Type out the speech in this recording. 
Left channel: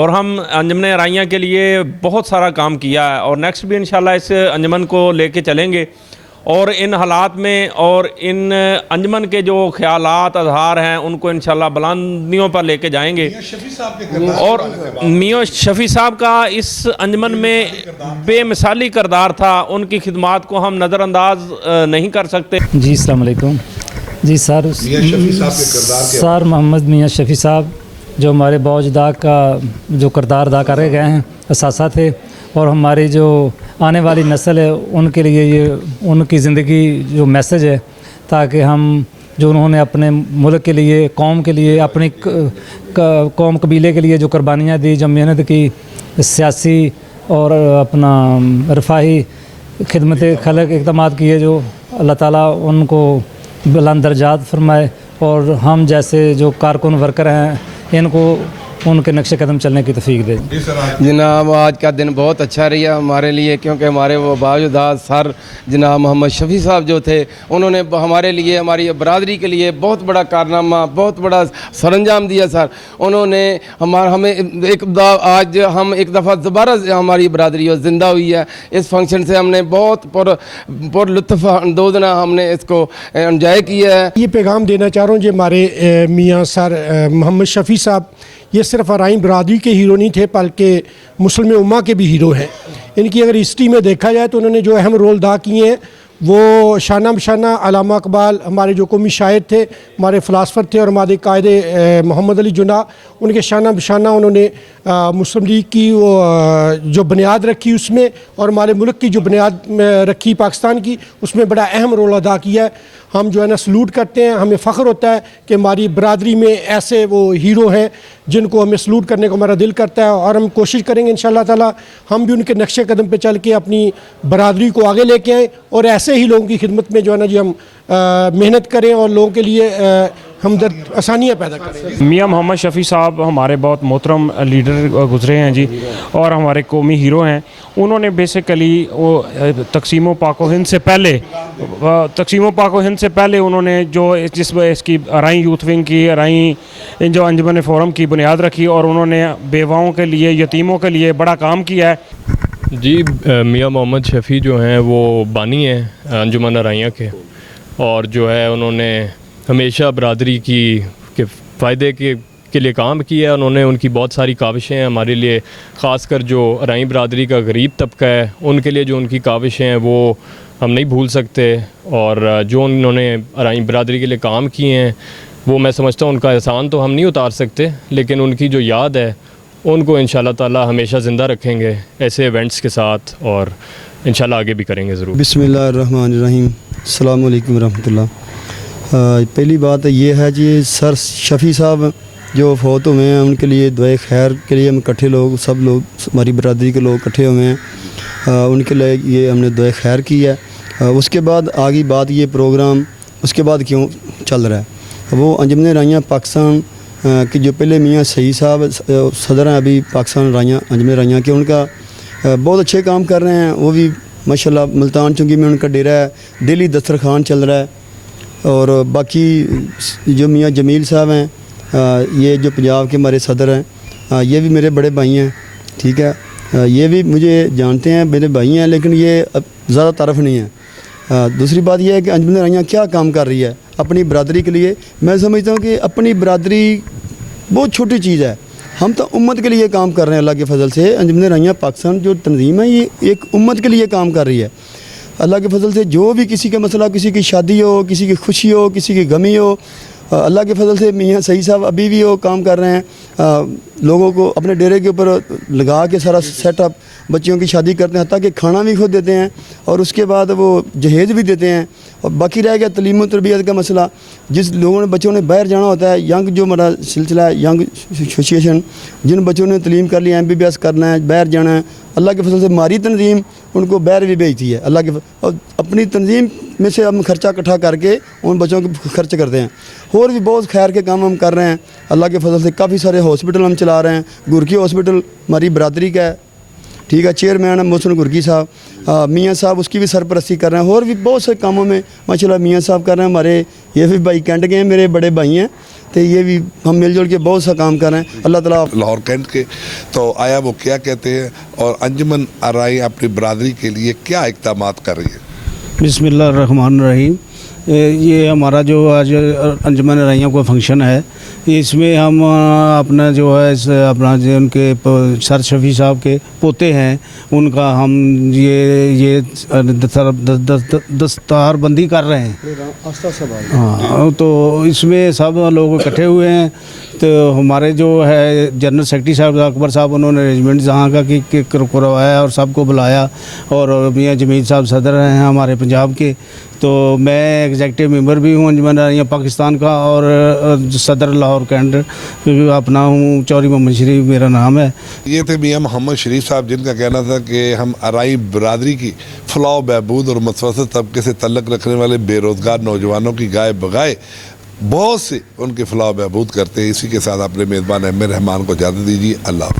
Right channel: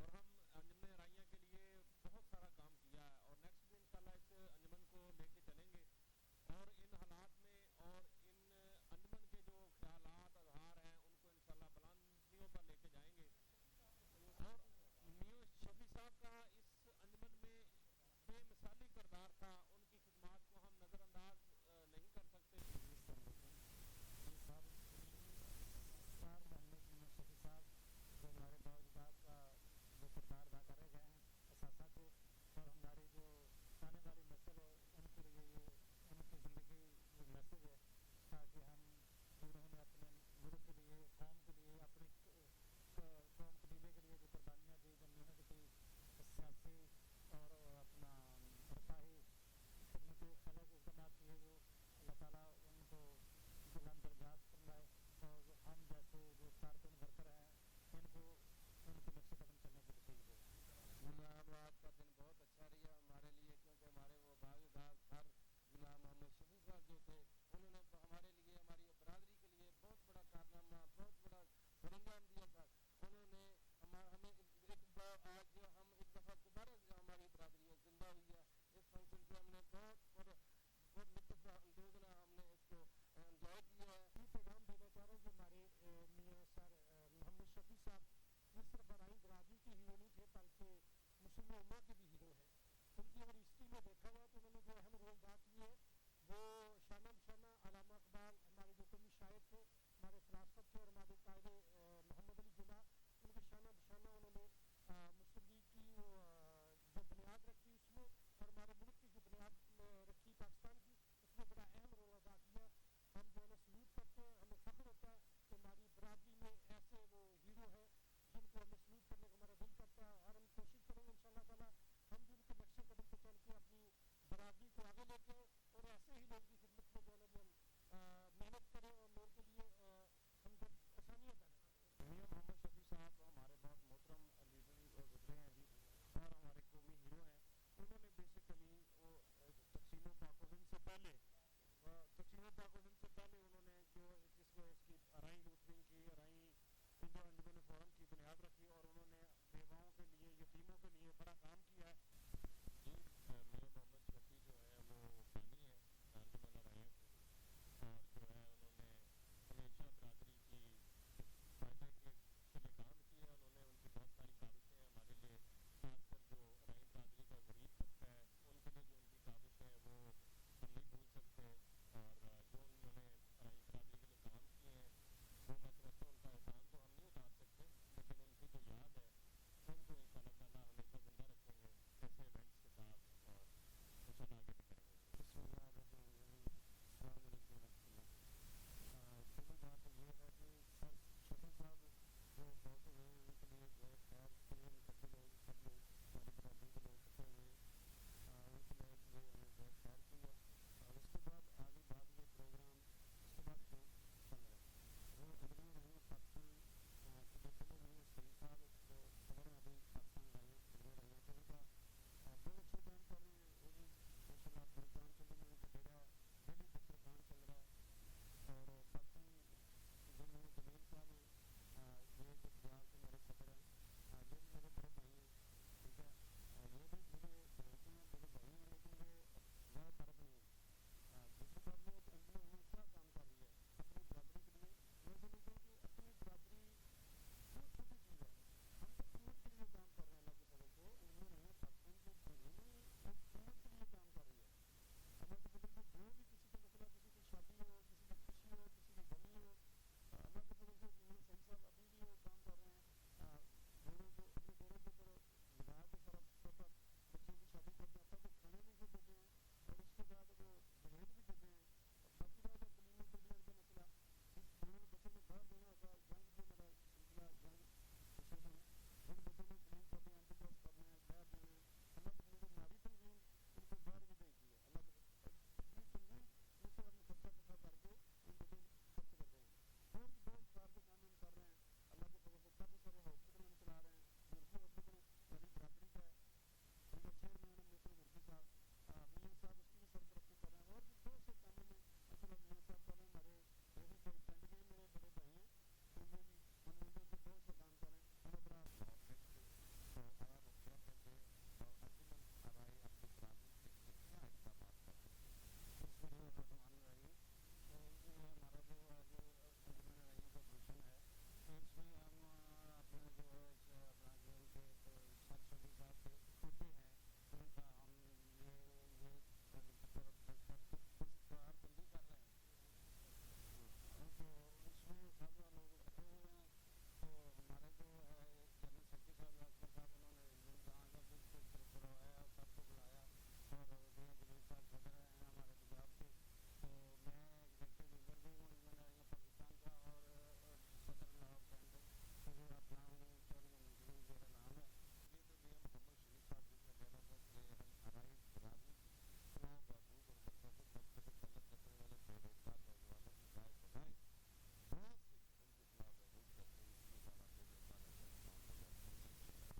اور ہم انجمن ارائیاں کے لیے بہت سارا کام کیا ہے اور نیکسٹ بھی انشاءاللہ اس انجمن کو لے کے چلیں گے اور ان حالات میں اور ان انجمن کے جو خیالات اظہار ہیں ان کو انشاءاللہ بلندیوں پر لے کے جائیں گے. اور میاں شفیع صاحب کا اس انجمن میں بے مثالی کردار تھا, ان کی خدمات کو ہم نظر انداز نہیں کر سکتے. جی السلام علیکم. جی سر سر محمد میاں شفیع صاحب جو ہمارے باوجدہ کا جو کردار ادا کرے گئے ہیں اثاثہ تھے, اور ہماری جو آنے والی نسل ہے ان کے لیے یہ ان کی زندگی جو میسج ہے, تاکہ ہم جو انہوں نے اپنے ملک کے لیے, قوم کے لیے, اپنی قوم قبیلے کے لیے جو قربانیاں دی, جو محنت کی, سیاسی اور اپنا رفاہی خدمت خلق اقدامات کیے, جو اللہ تعالیٰ ان کو بلند درجات فرمائے اور ہم جیسے جو کارکن ورکر ہیں ان کو ان کے نقش قدم چلنے کی توفیق دے. جناب آج کا دن بہت اچھا رہا ہمارے لیے, کیونکہ ہمارے وہ باوجداد سر جناب محمد شفیع صاحب جو تھے انہوں نے ہمارے لیے, ہماری برادری کے لیے بہت بڑا کارنامہ, بہت بڑا سر انجام دیا. سر انہوں نے ہمیں آج ہم ایک دفعہ دوبارہ ہماری برادری زندہ ہوئی ہے. اس فنکشن سے ہم نے بہت پر لطف اندوز ہم نے اس کو انجوائے کیا ہے. یہ پیغام دینا چاہ رہا ہوں, جو ہمارے میاں سر محمد شفیع صاحب یہ صرف ارائیں برادری کے ہیرو نہیں تھے بلکہ مسلم امہ کے بھی ہیرو ہیں. ان کی اگر ہسٹری میں دیکھا جائے تو انہوں نے جو اہم رول ادا کیے ہیں وہ شانہ بشانہ علامہ اقبال ہمارے جو قومی شاعر تھے, ہمارے فلاسفر تھے, اور ہمارے قائد محمد علی جناح, ان کے شانہ بشانہ انہوں نے مسلم لیگ کی وہ جو بنیاد رکھی اس میں, اور ہمارے ملک کی جو بنیاد رکھی پاکستان کی, اس میں بڑا اہم رول ادا کیا ہے. ہم جو ہے نا سلوٹ کرتے ہیں, ہمیں فخر ہوتا ہے کہ ہماری برادری میں ایسے وہ ہیرو ہیں جن کو ہمیں سلوٹ کرنے کو ہمارا دل کرتا ہے, اور ہم کوشش کریں گے انشاءاللہ تعالی ہم بھی ان کے نقش قدم پہ چل کے اپنی برادری کو آگے لے کے آئیں اور ایسے ہی لوگوں کی خدمت میں جو ہے نا جی ہم محنت کریں اور لوگوں کے لیے ہمدرد آسانیاں پیدا کریں. میاں محمد شفیع صاحب ہمارے بہت محترم لیڈر گزرے ہیں جی, اور ہمارے قومی ہیرو ہیں. انہوں نے بیسیکلی وہ تقسیم و پاک و ہند سے پہلے انہوں نے جو اس کی ارائیں یوتھ ونگ کی, ارائیں جو انجمن فورم کی بنیاد رکھی, اور انہوں نے بیواؤں کے لیے, یتیموں کے لیے بڑا کام کیا ہے. جی میاں محمد شفیع جو ہیں وہ بانی ہیں انجمن ارائیاں کے, اور جو ہے انہوں نے ہمیشہ برادری کے فائدے کے لیے کام کیا ہے. انہوں نے ان کی بہت ساری کاوشیں ہیں ہمارے لیے, خاص کر جو ارائیں برادری کا غریب طبقہ ہے ان کے لیے جو ان کی کاوشیں ہیں وہ ہم نہیں بھول سکتے, اور جو انہوں نے ارائیں برادری کے لیے کام کیے ہیں وہ میں سمجھتا ہوں ان کا احسان تو ہم نہیں اتار سکتے, لیکن ان کی جو یاد ہے ان کو انشاءاللہ تعالی ہمیشہ زندہ رکھیں گے ایسے ایونٹس کے ساتھ, اور انشاءاللہ آگے بھی کریں گے ضرور. بسم اللہ الرحمن الرحیم. السلام علیکم ورحمۃ اللہ. پہلی بات یہ ہے کہ سر شفیع صاحب جو فوت ہوئے ہیں ان کے لیے دعائے خیر کے لیے ہم اکٹھے لوگ, سب لوگ ہماری برادری کے لوگ اکٹھے ہوئے ہیں, ان کے لیے یہ ہم نے دعائے خیر کی ہے. اس کے بعد آگی بات یہ پروگرام اس کے بعد کیوں چل رہا ہے, وہ انجمن ارائیاں پاکستان کہ جو پہلے میاں سعید صاحب صدر ہیں ابھی پاکستان ارائیاں انجمن ارائیاں کے, ان کا بہت اچھے کام کر رہے ہیں. وہ بھی ماشاءاللہ ملتان چونکہ میں ان کا ڈیرہ ہے, ڈیلی دسترخوان چل رہا ہے. اور باقی جو میاں جمیل صاحب ہیں, یہ جو پنجاب کے ہمارے صدر ہیں, یہ بھی میرے بڑے بھائی ہیں, ٹھیک ہے, یہ بھی مجھے جانتے ہیں, میرے بھائی ہیں, لیکن یہ زیادہ طرف نہیں ہے. دوسری بات یہ ہے کہ انجمن ارائیاں کیا کام کر رہی ہے اپنی برادری کے لیے. میں سمجھتا ہوں کہ اپنی برادری بہت چھوٹی چیز ہے, ہم تو امت کے لیے کام کر رہے ہیں. اللہ کے فضل سے انجمن ارائیاں پاکستان جو تنظیم ہے یہ ایک امت کے لیے کام کر رہی ہے. اللہ کے فضل سے جو بھی کسی کا مسئلہ, کسی کی شادی ہو, کسی کی خوشی ہو, کسی کی غمی ہو, اللہ کے فضل سے میاں سعید صاحب ابھی بھی وہ کام کر رہے ہیں, لوگوں کو اپنے ڈیرے کے اوپر لگا کے سارا سیٹ اپ, بچیوں کی شادی کرتے ہیں, حتیٰ کہ کھانا بھی خود دیتے ہیں, اور اس کے بعد وہ جہیز بھی دیتے ہیں. اور باقی رہ گیا تعلیم و تربیت کا مسئلہ, جس لوگوں نے بچوں نے باہر جانا ہوتا ہے, ینگ جو ہمارا سلسلہ ہے ینگ ایسوسیشن, جن بچوں نے تعلیم کر لی, MBBS کرنا ہے, باہر جانا ہے, اللہ کے فضل سے ہماری تنظیم ان کو باہر بھی بھیجتی ہے. اللہ کے اور اپنی تنظیم میں سے ہم خرچہ اکٹھا کر کے ان بچوں کو خرچ کرتے ہیں. اور بھی بہت خیر کے کام ہم کر رہے ہیں. اللہ کے فضل سے کافی سارے ہاسپٹل ہم چلا رہے ہیں. گرکی ہاسپٹل ہماری برادری کا ہے, ٹھیک ہے, چیئرمین ہے محسن گرکی صاحب, میاں صاحب اس کی بھی سرپرستی کر رہے ہیں. اور بھی بہت سے کاموں میں ماشاءاللہ میاں صاحب کر رہے ہیں. ہمارے یہ بھی بھائی کینٹ کے ہیں, میرے بڑے بھائی ہیں, تو یہ بھی ہم مل جل کے بہت سا کام کر رہے ہیں. اللہ تعالیٰ لاہور کینٹ کے تو آیا وہ کیا کہتے ہیں اور انجمن آرائی اپنی برادری کے لیے کیا اقدامات کر رہی ہے؟ بسم اللہ الرحمن الرحیم. یہ ہمارا جو آج انجمن آرائیوں کا فنکشن ہے، اس میں ہم اپنا جو ہے اپنا جو ان کے سر شفیع صاحب کے پوتے ہیں ان کا ہم یہ دستار بندی کر رہے ہیں. ہاں، تو اس میں سب لوگ اکٹھے ہوئے ہیں. تو ہمارے جو ہے جنرل سیکرٹری صاحب اکبر صاحب انہوں نے ارینجمنٹ جہاں کا کروایا اور سب کو بلایا، اور میاں جمیل صاحب صدر ہیں ہمارے پنجاب کے. تو میں ایگزیکٹو ممبر بھی ہوں انجمن آرائیاں پاکستان کا، اور صدر لاہور کینٹ اپنا ہوں. چوہدری محمد شریف میرا نام ہے. یہ تھے میاں محمد شریف صاحب جن کا کہنا تھا کہ ہم آرائی برادری کی فلاح و بہبود اور متوسط طبقے سے تعلق رکھنے والے بے روزگار نوجوانوں کی گائے بگائے بہت سے ان کی فلاح و بہبود کرتے ہیں. اسی کے ساتھ اپنے میزبان احمد رحمان کو اجازت دیجیے. اللہ حافظ.